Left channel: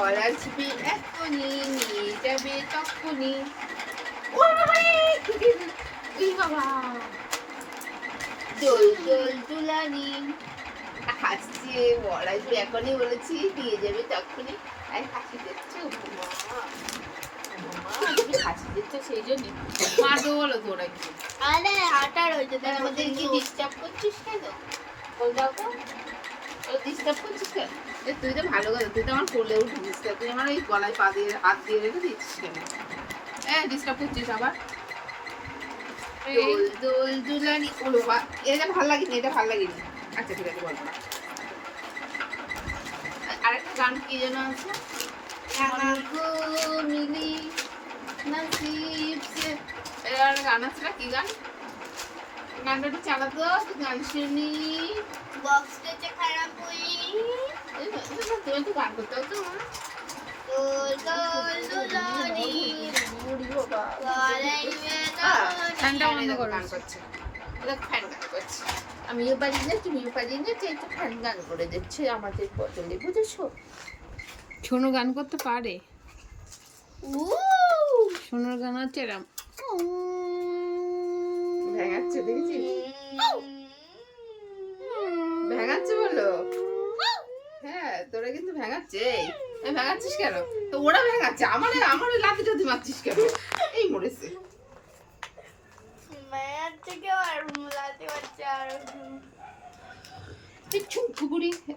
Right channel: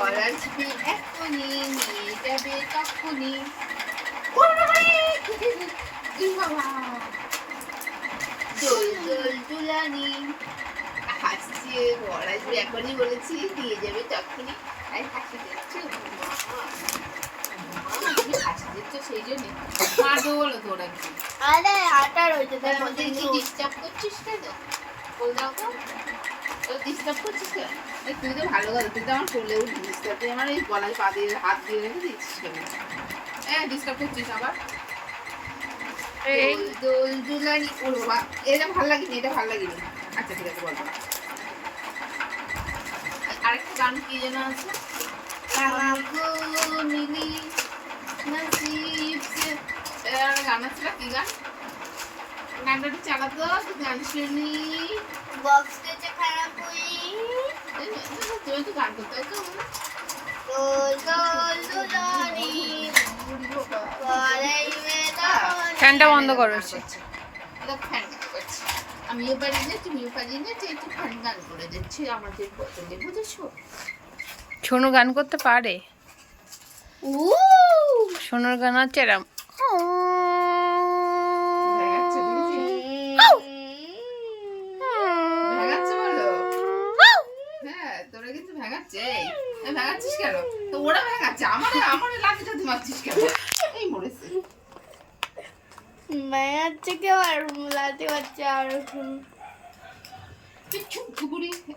আসবে এখনই নিয়ে যাবে তখনই। বাবা! দোল দোল দুলানি হাসছে বর আসবে এখনই বলেছি দিয়ে যাবে তখনই। আর হাসি দিচ্ছ সেই জন্য। মারবো বলো তোর একদিন। আরে আটা রয়েছে তাহলে আমাদের কি ডিস্টার্ব করছিস কেন? বল দাও তো। ডিস্টার্ব করছিস কেন? তুই তো ভালো কথা তুই তো আমার কোলে উঠিস তা তুই আমার এই গলায় পা দিয়ে হাত দিয়ে রেখে দিচ্ছিস কেন? হ্যাঁ ডিস্টার্ব করছিস আবার। এই। দোল দুলানি। ও বাবা এটা ভালো লাগেনি এটা ভালো লাগেনি। আচ্ছা ঠিক আছে বল। আরেকটা গান কি যেন আছে? মিলি গান আছে কি গান? একটু গান শুনি বক্স খারাপ তুমি তো গান করতে তো ফ্যানটা বন্ধ করো। আমিও পারি না তুমিও পারি না তো একটু ফ্যান গান করে দিচ্ছে আমাদের পছন্দ বুঝেছ সোনু গান করতে পারে সোনুর গান হচ্ছে এরম ভেঙাচ্ছে দেখেছিস? ভেঙাচ্ছে বলো হ্যাঁ তোরা কিন্তু ভেঙাচ্ছে? ভেঙাচ্ছিস কেন? তো ওরা ভেঙাচ্ছে আমার আমার লাঠি মারছিস কেন? এই মরেছে। কেউ আর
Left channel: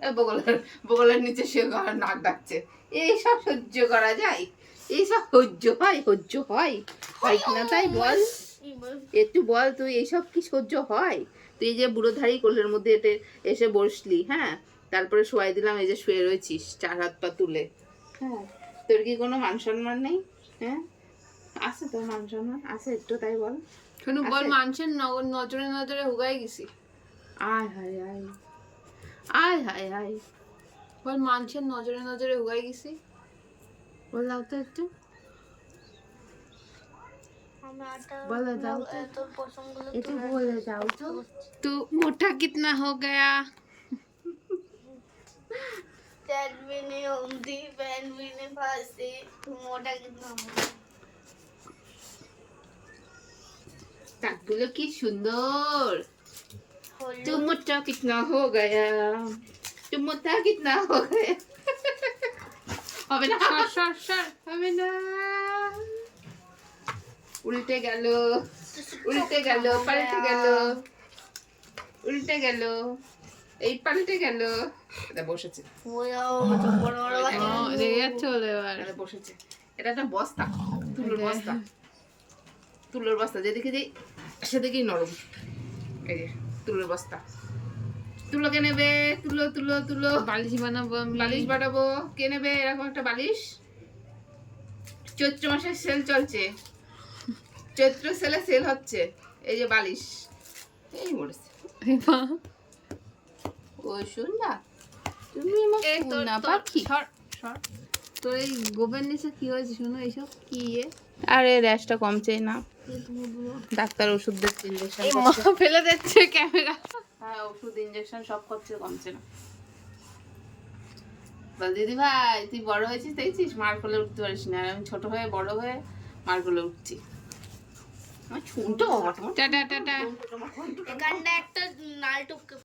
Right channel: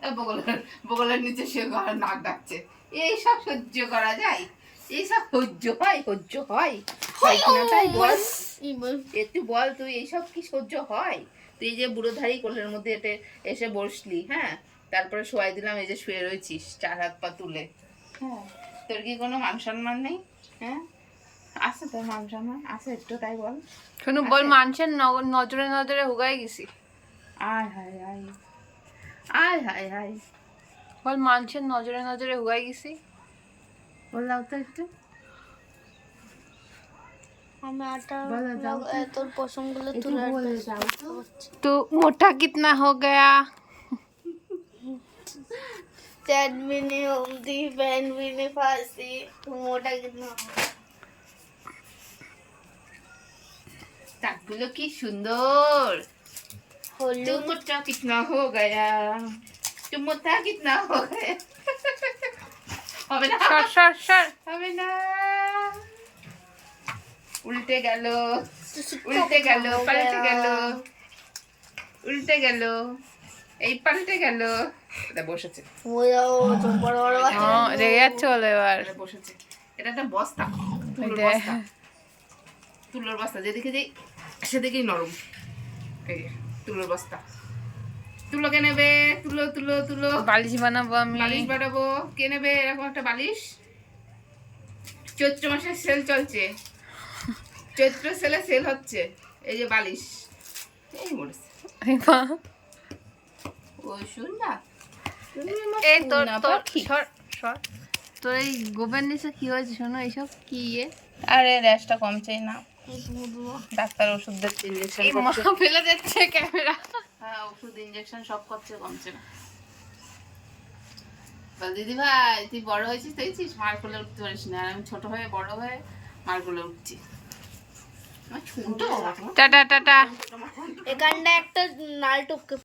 আর বগলের বগলের নিচে সে নাক ডাকছে। এইসব সহ্য করা যায়? এইসব সহ্য হয় সহ্য হয়? হয় কিনা তাই বল। একটু বল তুই এইসব কি সহ্য হয়? তুই যে বুড়োধারী কোলের মধ্যে এটে এসে বসলি হ্যাঁ? তারপরে শোয়াই দিলাম এই যে শুয়ে রয়েছিস চার হাত পা তুলে। হ্যাঁ। তোর কি কোনো মান সম্মান নেই? হ্যাঁ? আছে তোর মান সম্মান আছে একটু তাই বল। সোনু বল? মানুষের নজরে নজরে হুগাই গেছি। আয় হায় আয়। আয় হায় হায়। বল মানুষের নজরে নজরে হুগাই গেছি? বললাম তো একটু। আমি আটা বলো দাও তো। चैट भी नहीं घूमती बहन भी नहीं फांसती मोटा कितना দাঁতগুলো কি সুন্দর होल्लू तुम मोटा कितना हो गया तुम मोटा कितना हो गया হবে না সর সর সর হবে না উল্টে গেল উল্টে গেল পাল্টে গেল উল্টে গেল এই পানিটা গেল এটা বসেছে। রেগে যাচ্ছে বলে এবার। বসেছে। এটা একটা বস্তা। তুলোর বস্তা। যেদিকে যে সেদিকেই নরম। এই যে তুলোর বস্তা। তুলো কে নেবে? তুলো তুলো তুলো। বালিশ বানাবো আমি। বালিশ বানাবো। কে নেবে? এরকম একটা বালিশ। চৈত্র মাসের সেল চলছে। চৈত্র সেলে সেল হচ্ছে। এই যে বালিশ। এই মরেছে। ওই শুন না। তুমি আমার এই তোর তোর সর সর। তোর এই গোবের নিচে কি হয়েছে শোনো এইসব কি এ? আরে র্যাশটা কমছেই না। ডাক্তার ওষুধ দিচ্ছে ইঞ্জেকশন এই মা ফেলে দিচ্ছে ক্যামেরা। হ্যাঁ ওষুধ ইঞ্জেকশন সব করছে কমছে না। বল দিদি ভাই তুই বড় হয়েছিস দেখছিস? মার কোলে উঠতে পারিস না। আর আমি ছোট হয়ে বড় হয়ে মার কোলে উঠছি। টাটা টাটা এখানটা একটা নাল টপকে